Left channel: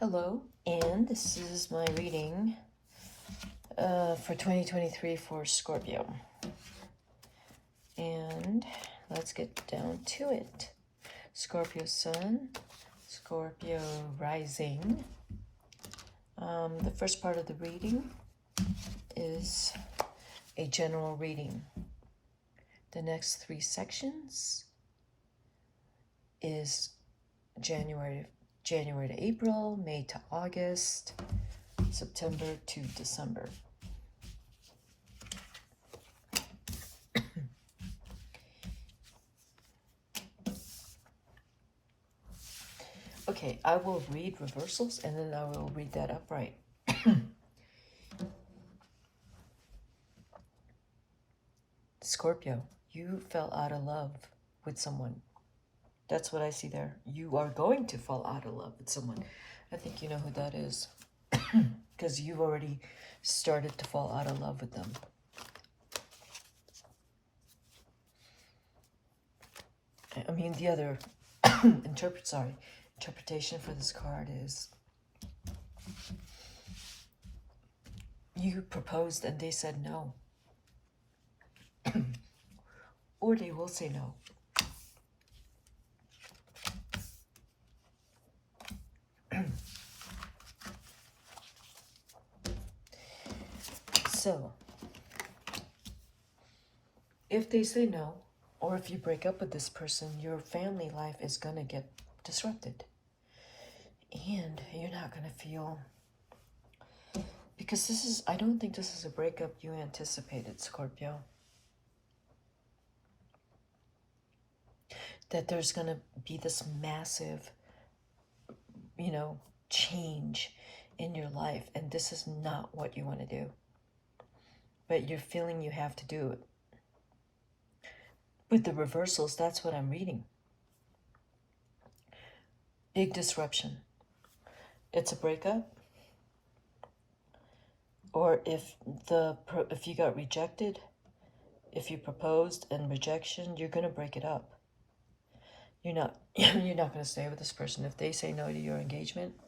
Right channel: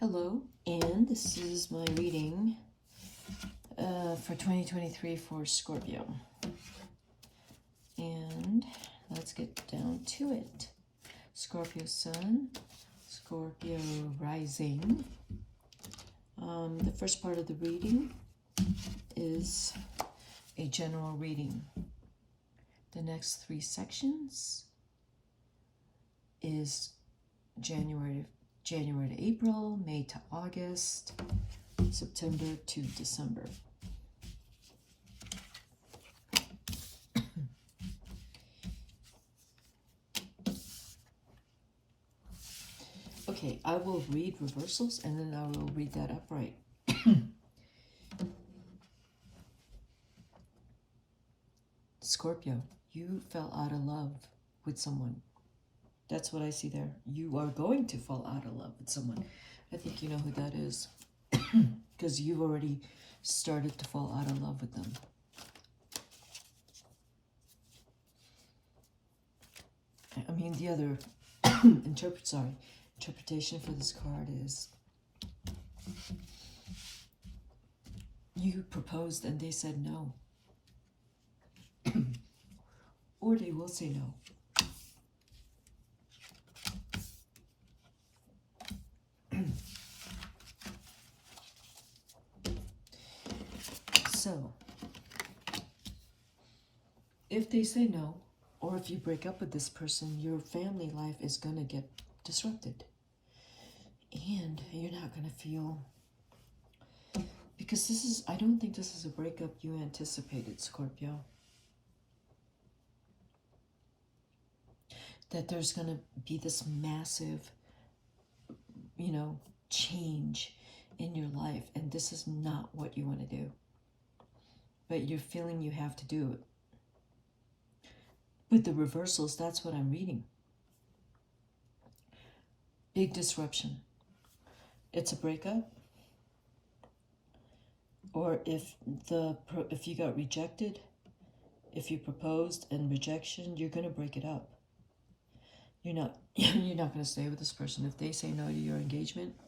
Hello, and this is my reading for 2023 for Scorpio. And let's get down to it. Scorpio Sun, Scorpio Rising. The first part of the reading is a general reading. The next three sections is January to April, May to August, September to December. Okay, I will read reversals and then I will read that upright. Scorpio, you fell out of love with someone. That's what I see there. You are going to fall out of love with someone. I think you know who that is. Because you've already started to fall out of love with them. I mean, the other interpretation for this card is you proposed and they said no. Or they will say no. So, if they say no, or if you break up with this person, your family life is going to get disrupted. And you're not going to feel... Because I don't think this is a breakup you anticipated, Scorpio. That there's going to be this massive, change in your life. And this is not what you want to do. But you're feeling you have to do it. With the reversals, that's what I'm reading. Big disruption. It's a breakup. Or if you got rejected, if you proposed and rejection, you're going to break it up. You're not going to stay with this person. If they say no to your engagement,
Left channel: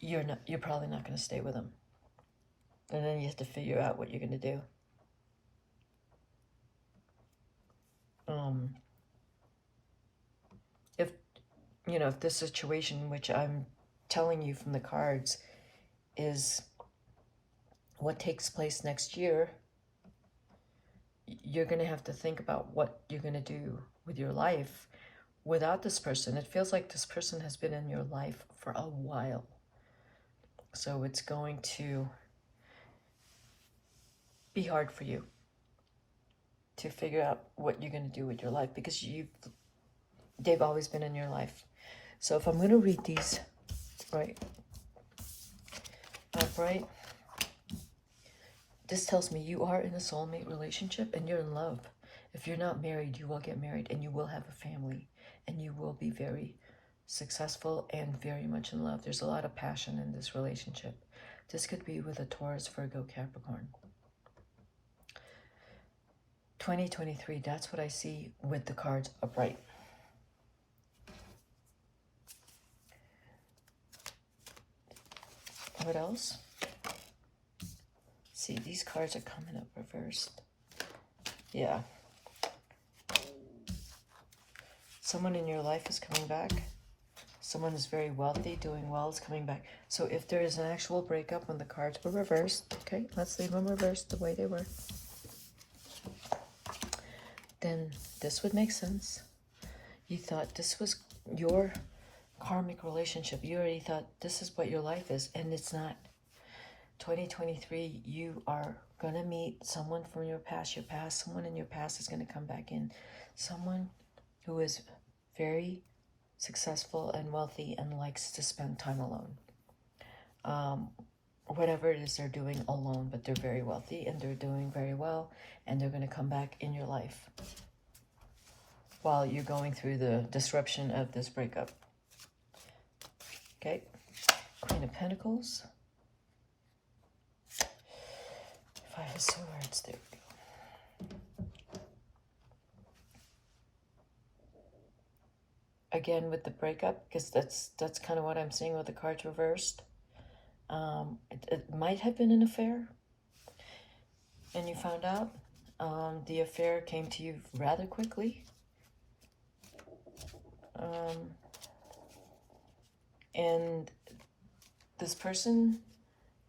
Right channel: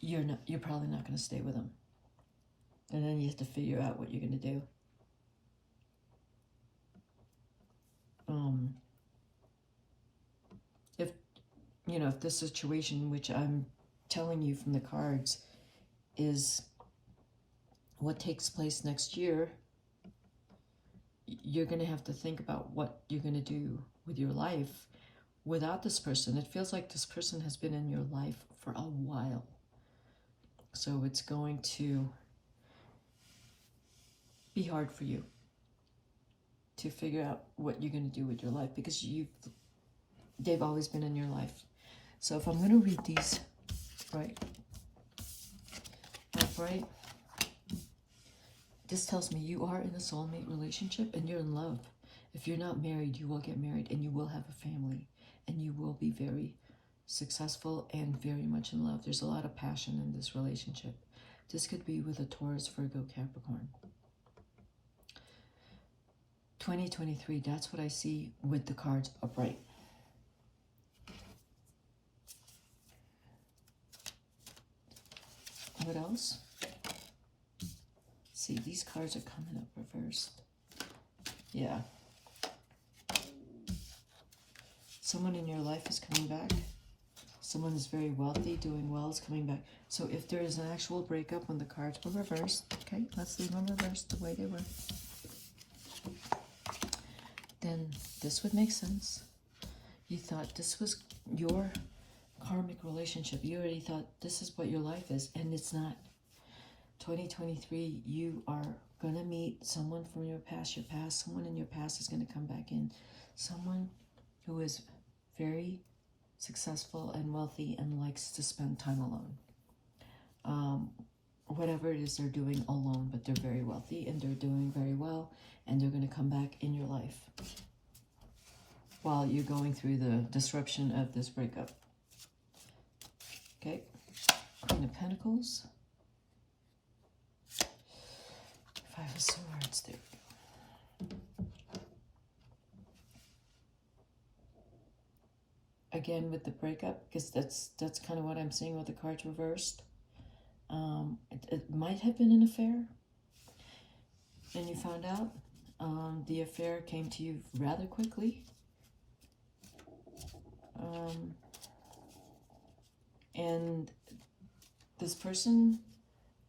you're probably not going to stay with them. And then you have to figure out what you're going to do. If this situation, which I'm telling you from the cards, is what takes place next year, you're going to have to think about what you're going to do with your life without this person. It feels like this person has been in your life for a while. So it's going to be hard for you to figure out what you're going to do with your life because they've always been in your life. So if I'm going to read these upright, this tells me you are in a soulmate relationship and you're in love. If you're not married, you will get married and you will have a family and you will be very successful and very much in love. There's a lot of passion in this relationship. This could be with a Taurus, Virgo, Capricorn. 2023, that's what I see with the cards upright. What else? See, these cards are coming up reversed. Yeah. Someone in your life is coming back. Someone is very wealthy, doing well, is coming back. So if there is an actual breakup when the cards were reversed, okay, let's leave them reversed the way they were. Then this would make sense. You thought this was your karmic relationship. You already thought this is what your life is, and it's not. 2023, you are going to meet someone from your past. Someone in your past is going to come back in. Someone who is very successful and wealthy and likes to spend time alone. Whatever it is they're doing alone, but they're very wealthy and they're doing very well, and they're going to come back in your life while you're going through the disruption of this breakup. Okay, Queen of Pentacles. Five of Swords, there we go. again with the breakup, because that's kind of what I'm seeing with the cards reversed. It might have been an affair, and you found out. The affair came to you rather quickly. And this person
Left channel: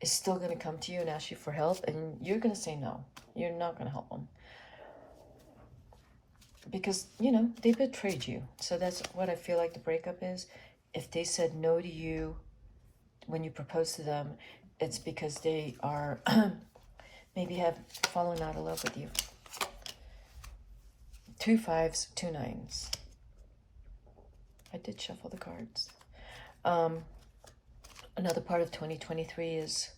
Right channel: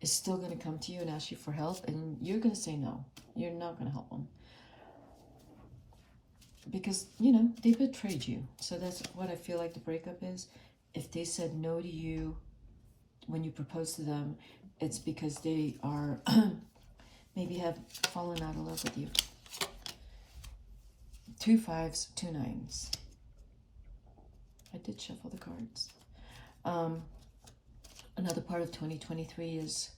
is still going to come to you and ask you for help, and you're going to say no. You're not going to help them. Because, you know, they betrayed you. So that's what I feel like the breakup is. If they said no to you when you proposed to them, it's because they are maybe have fallen out of love with you. 2 5s, 2 9s. I did shuffle the cards. Another part of 2023 is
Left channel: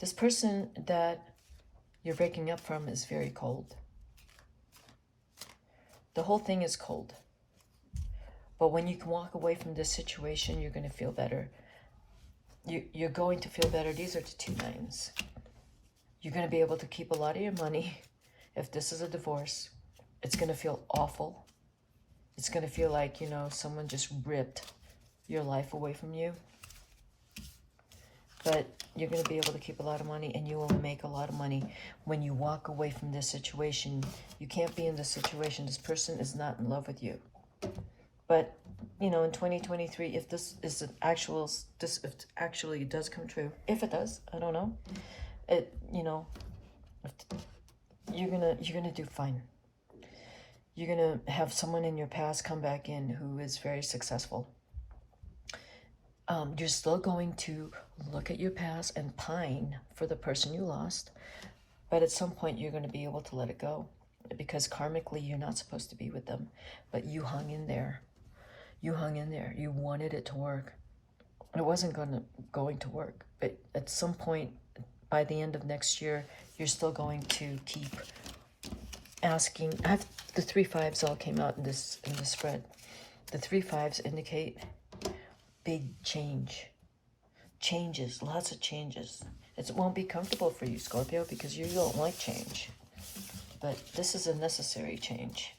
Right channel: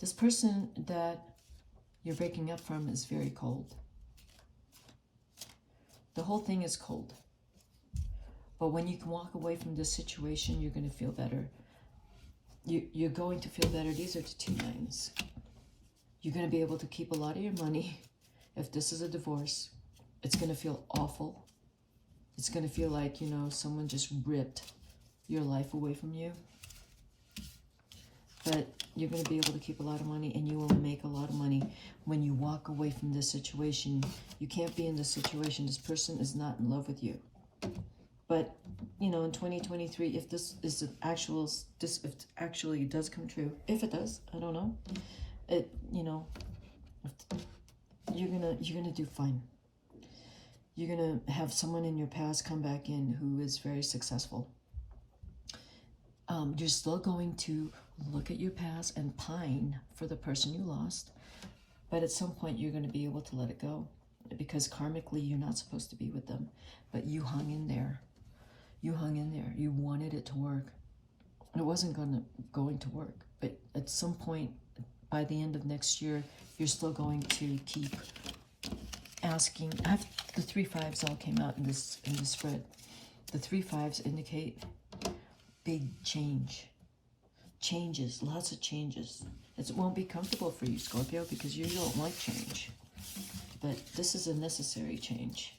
this person that you're breaking up from is very cold. The whole thing is cold. But when you can walk away from this situation, you're going to feel better. You're going to feel better. These are the 2 9s. You're going to be able to keep a lot of your money. If this is a divorce, it's going to feel awful. It's going to feel like, you know, someone just ripped your life away from you. But you're going to be able to keep a lot of money, and you will make a lot of money when you walk away from this situation. You can't be in this situation. This person is not in love with you. But, you know, in 2023, if this is the actual, if it actually does come true, if it does, I don't know. It, you know, you're gonna do fine. You're gonna have someone in your past come back in who is very successful. You're still going to look at your past and pine for the person you lost, but at some point you're going to be able to let it go, because karmically you're not supposed to be with them, but you hung in there. You hung in there. You wanted it to work. It wasn't going to work, but at some point by the end of next year, you're still going to keep asking. The 3 5s all came out in this spread. The 3 5s indicate big changes, lots of changes. It won't be comfortable for you, Scorpio, because you don't like change. But this is a necessary change.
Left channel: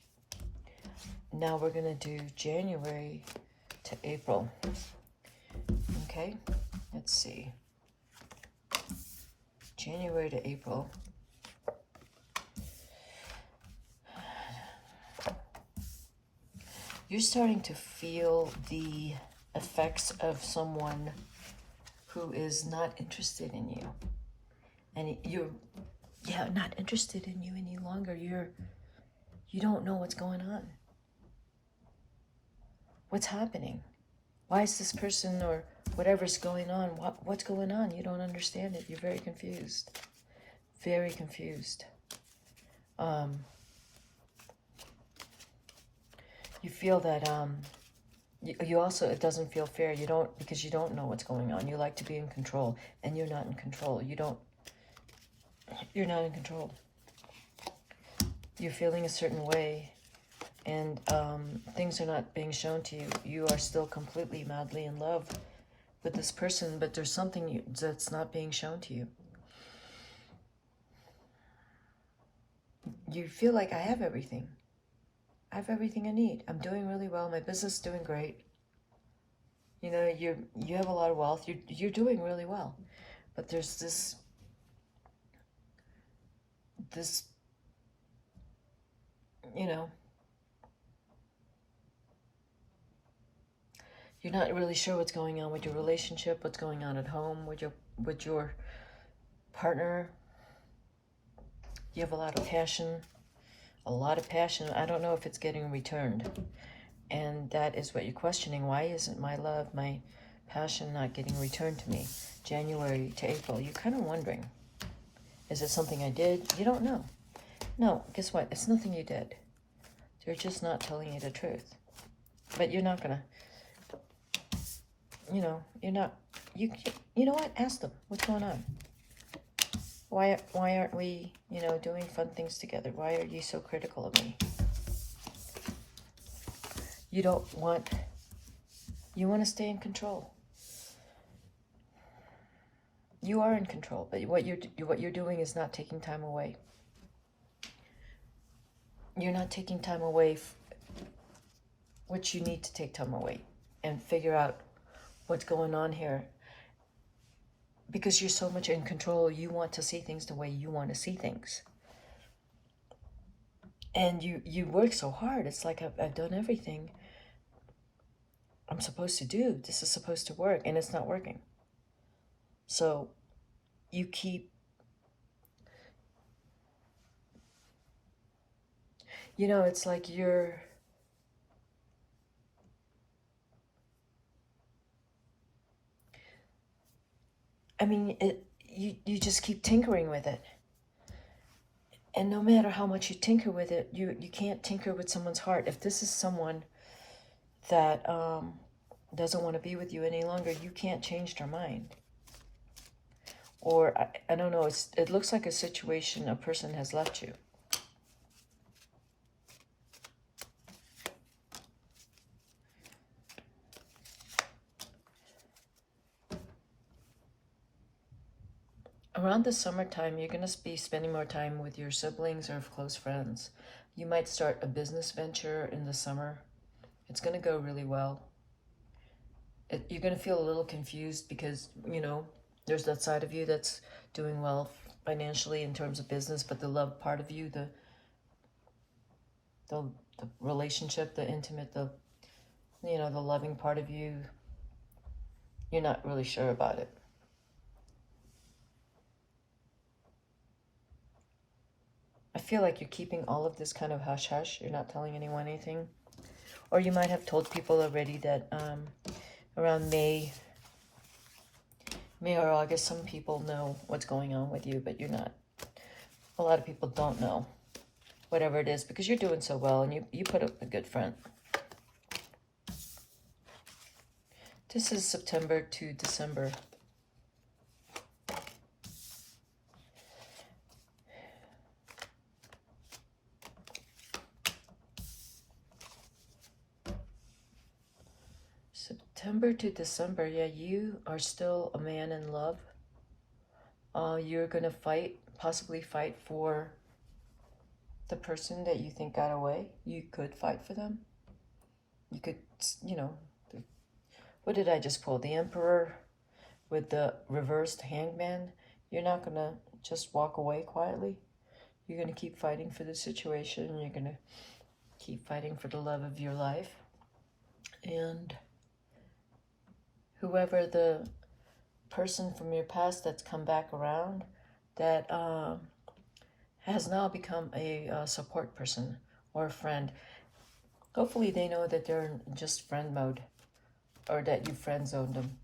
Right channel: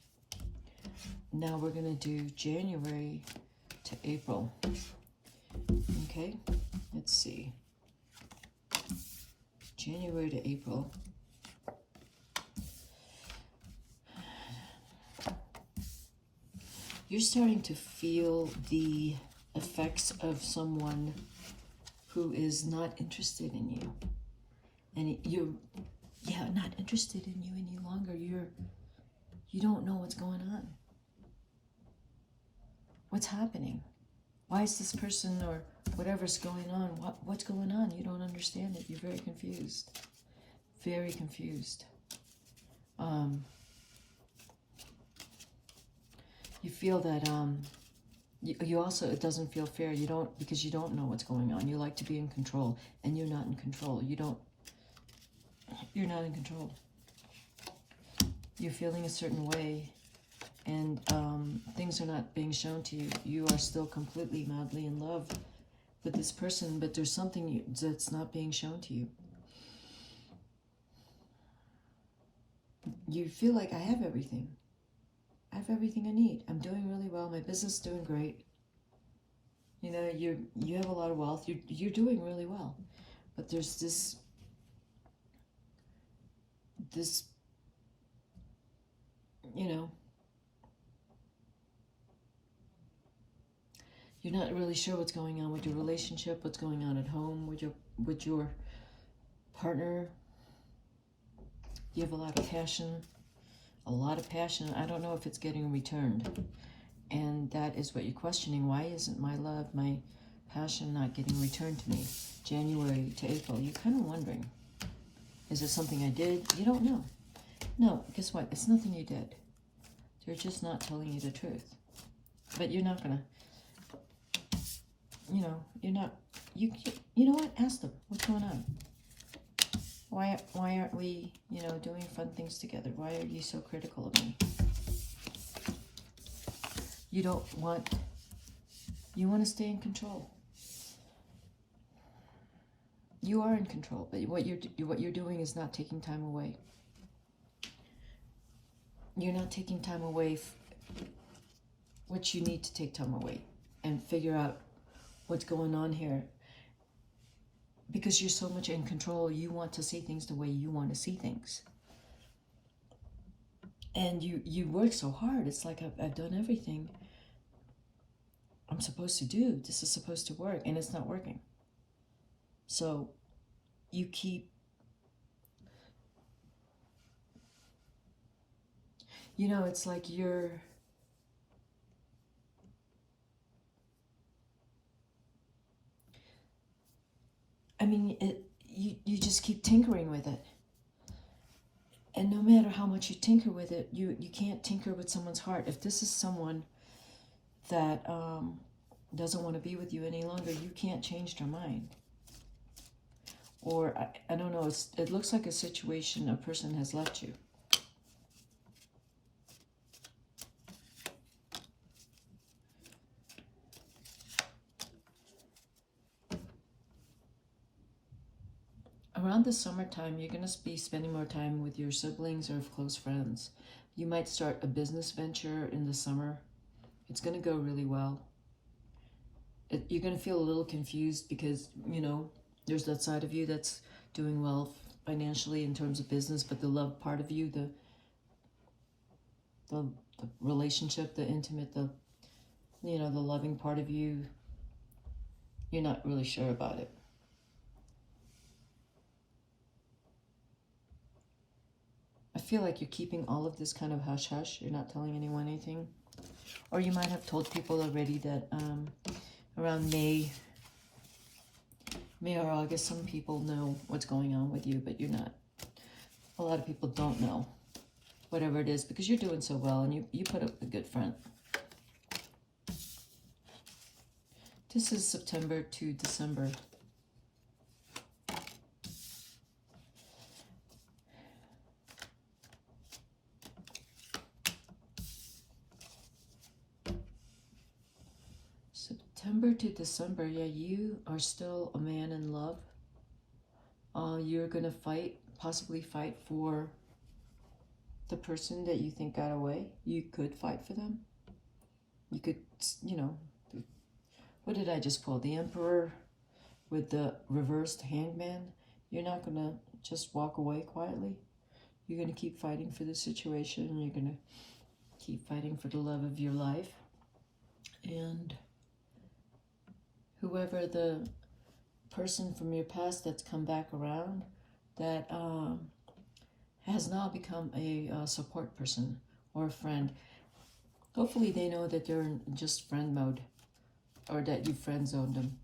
Now we're going to do January to April. Okay, let's see. January to April. You're starting to feel the effects of someone who is not interested in you. And you're not interested in you any longer. You don't know what's going on. What's happening? Why is this person or whatever's going on, what's going on? You don't understand it. You're very confused. Very confused. You feel that you also, it doesn't feel fair. Because you don't know what's going on. You like to be in control, and you're not in control. You're not in control. You're feeling a certain way, and things are not being shown to you. You are still completely madly in love with this person, but there's something that's not being shown to you. You feel like, I have everything. I have everything I need. I'm doing really well. My business is doing great. You know, you have a lot of wealth. You're doing really well. But there's this you know, you're not really sure what's going on with your relationship, what's going on at home with your partner. You have a lot of passion. I don't know if it's getting returned. And that is what you're questioning. Why isn't my love, my passion not getting returned to me? January to April, you're kind of wondering, is it something I did? You don't know. No, guess what? It's nothing you did. They're just not telling you the truth. But you're not gonna, you know know what? Ask them, what's going on? Why aren't we, doing fun things together? Why are you so critical of me? You want to stay in control. You are in control, but what you're doing is not taking time away. You're not taking time away which you need to take time away and figure out what's going on here. Because you're so much in control, you want to see things the way you want to see things. And you work so hard. It's like I've done everything I'm supposed to do. This is supposed to work, and it's not working. So you keep, you know, it's like you're, I mean, you just keep tinkering with it. And no matter how much you tinker with it, you can't tinker with someone's heart. If this is someone that doesn't want to be with you any longer, you can't change their mind. Or, I don't know, it looks like a situation, a person has left you. Around the summertime, you're going to be spending more time with your siblings or close friends. You might start a business venture in the summer. It's going to go really well. You're going to feel a little confused because, you know, there's that side of you that's doing well financially in terms of business, but the love part of you, the relationship, the intimate, the loving part of you, you're not really sure about it. I feel like you're keeping all of this kind of hush-hush. You're not telling anyone anything. Or you might have told people already that around May or August, some people know what's going on with you, but you're not. A lot of people don't know, whatever it is, because you're doing so well and you put up a good front. This is September to December. September to December, yeah, you are still a man in love. You're going to possibly fight for the person that you think got away. You could fight for them. You could, what did I just pull? The Emperor with the reversed hangman. You're not going to just walk away quietly. You're going to keep fighting for the situation. You're going to keep fighting for the love of your life. And whoever the person from your past that's come back around, that has now become a support person or a friend. Hopefully they know that they're in just friend mode, or that you friend zoned them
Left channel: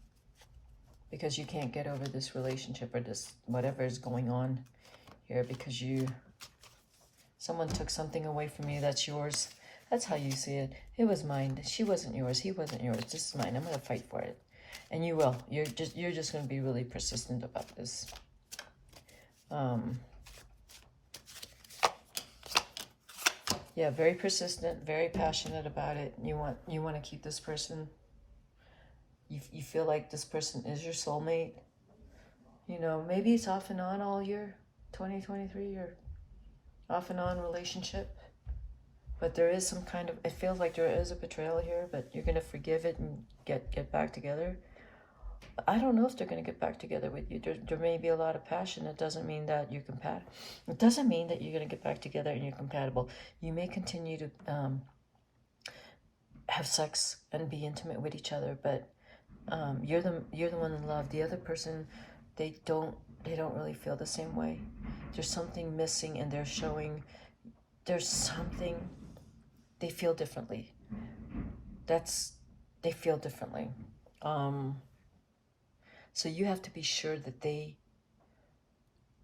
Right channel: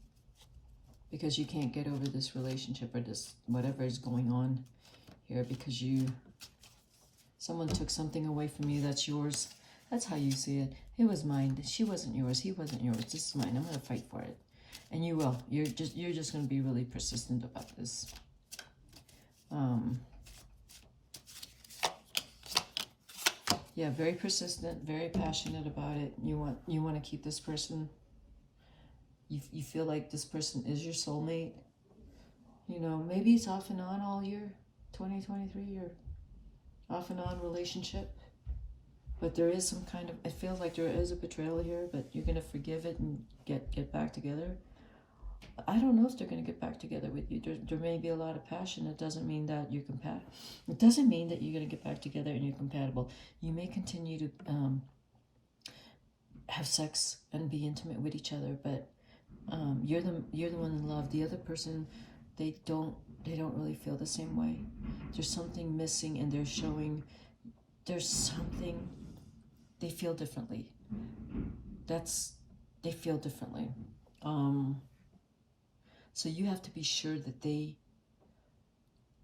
because you can't get over this relationship or this whatever is going on here, because someone took something away from you that's yours. That's how you see it. It was mine. She wasn't yours. He wasn't yours. This is mine. I'm going to fight for it. And you will. You're just going to be really persistent about this. Yeah, very persistent, very passionate about it. You want to keep this person. You feel like this person is your soulmate. You know, maybe it's off and on all year, 2023, or off and on relationship. But there is some kind of, it feels like there is a betrayal here, but you're going to forgive it and get back together. I don't know if they're going to get back together with you. There may be a lot of passion. It doesn't mean that you're compatible. It doesn't mean that you're going to get back together and you're compatible. You may continue to have sex and be intimate with each other, but you're the one in love. The other person, they don't really feel the same way. There's something missing, and they're showing there's something. They feel differently. They feel differently. So you have to be sure that they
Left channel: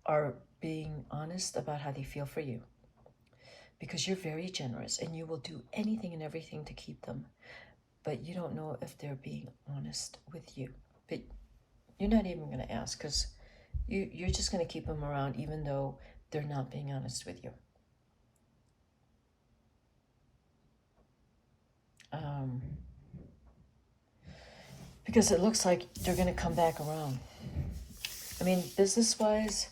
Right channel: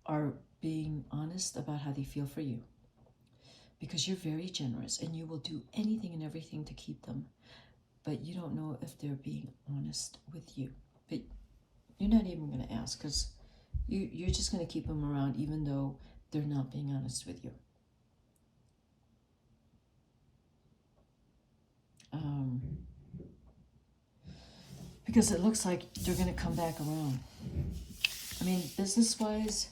are being honest about how they feel for you, because you're very generous and you will do anything and everything to keep them, but you don't know if they're being honest with you. But you're not even going to ask, because you're just going to keep them around even though they're not being honest with you. Because it looks like they're going to come back around. I mean, business-wise,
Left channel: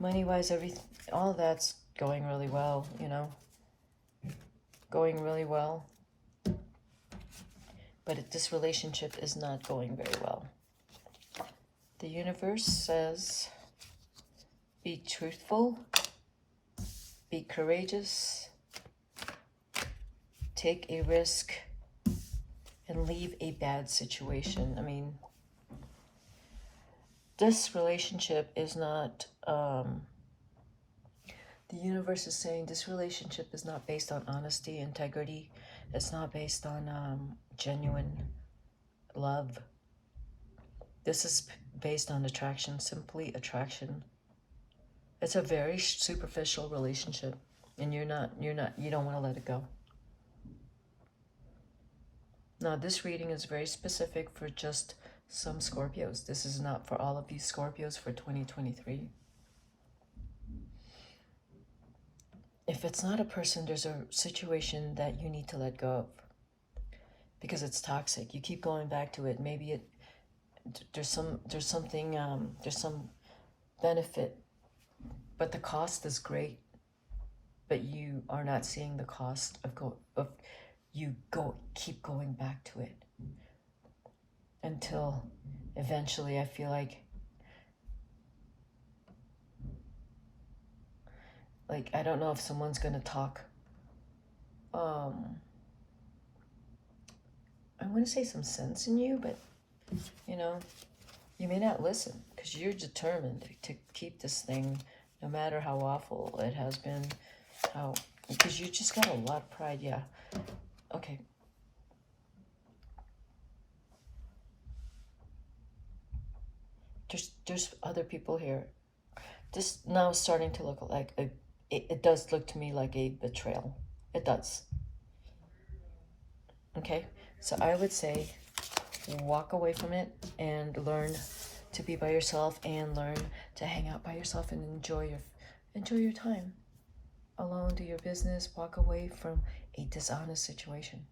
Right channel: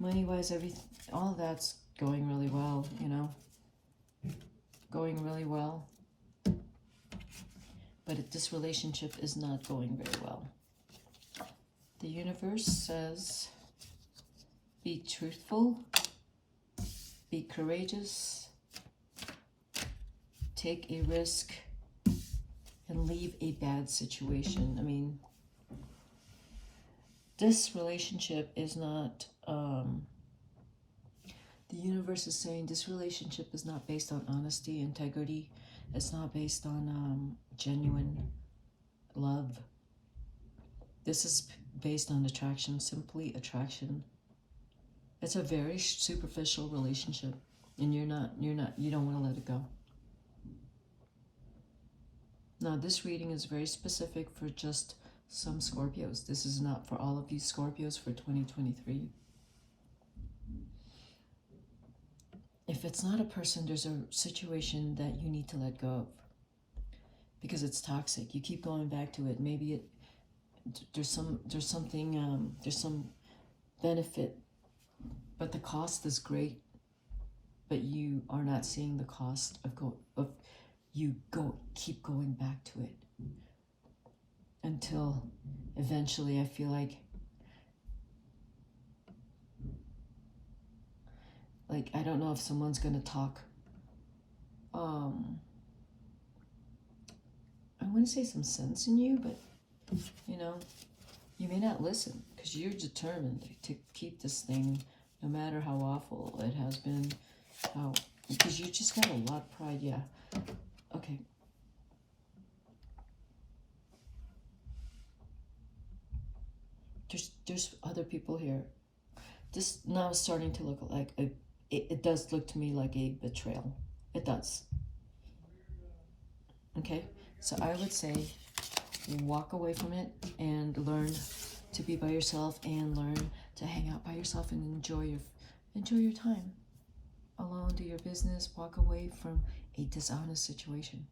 money-wise, everything, all of that's going really well, you know. Going really well. but this relationship is not going very well. The universe says, be truthful, be courageous, take a risk, and leave a bad situation. I mean, this relationship is not, the universe is saying this relationship is not based on honesty, integrity. It's not based on genuine love. This is based on attraction, simply attraction. It's a very superficial relationship, and you don't want to let it go. Now, this reading is very specific for just some Scorpios. This is not for all of these Scorpios for 2023. If it's not a person, there's a situation that you need to let go of because it's toxic. You keep going back to it. Maybe there's some benefit, but the cost is great. But you are not seeing the cost of keep going back to it until eventually I feel like I don't know if someone's gonna talk. I'm gonna say some sense in you, but you know, you may not listen because you're determined to keep this thing, no matter how awful it has been. Because you just got a lot of pride. Yeah. Okay. There's other people here. This now is starting to look like it does look to me like a betrayal. It does. Okay, so I would say walk away from it and learn to be by yourself and learn to hang out by yourself and enjoy your time alone. Do your business. Walk away from a dishonest situation.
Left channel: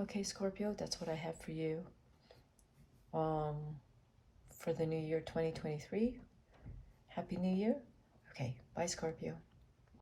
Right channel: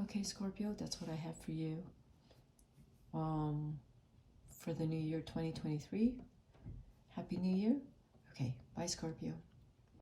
Okay, Scorpio, that's what I have for you. For the new year 2023. Happy New Year. Okay, bye, Scorpio.